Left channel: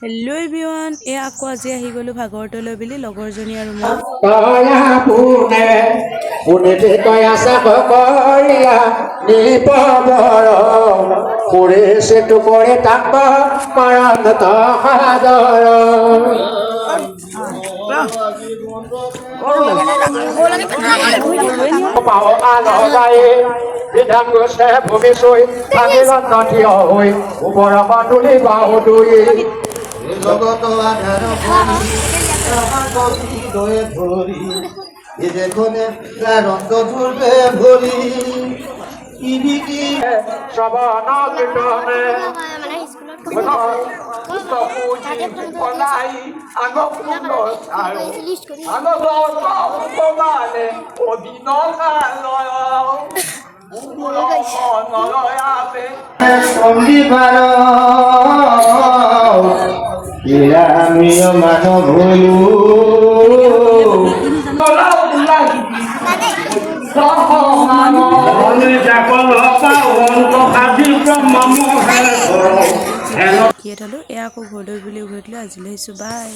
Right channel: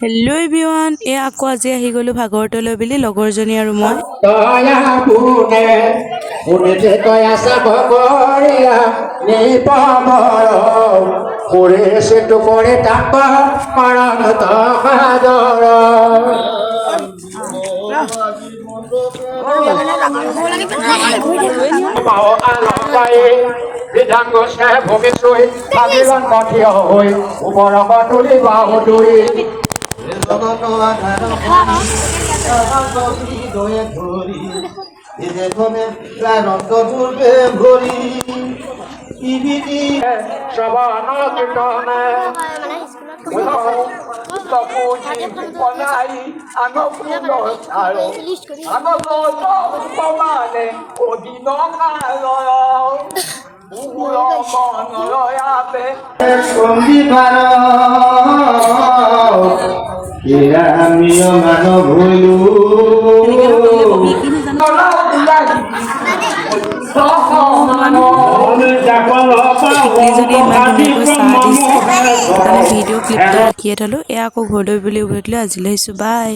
Hello' everyone, আকৌ আজি আহি গ'লোঁ ভাগৱতলৈ বুলি লগৰজনী আৰু মই। বিধান গৈছে ভৱিষ্যত ভাগিলান কাঠিয় হৈ ওপৰৰ তুলি বাহুদুৰি জগত দেখনে রক্ত করবে ভরি সবানা কীর্তনে আমিও মানব হইলু শিকিয়ে থলোঁ। আকৌ ঘৰলৈ বুলি উভতি লৈ আজিলৈ আহিছোঁ, বাই।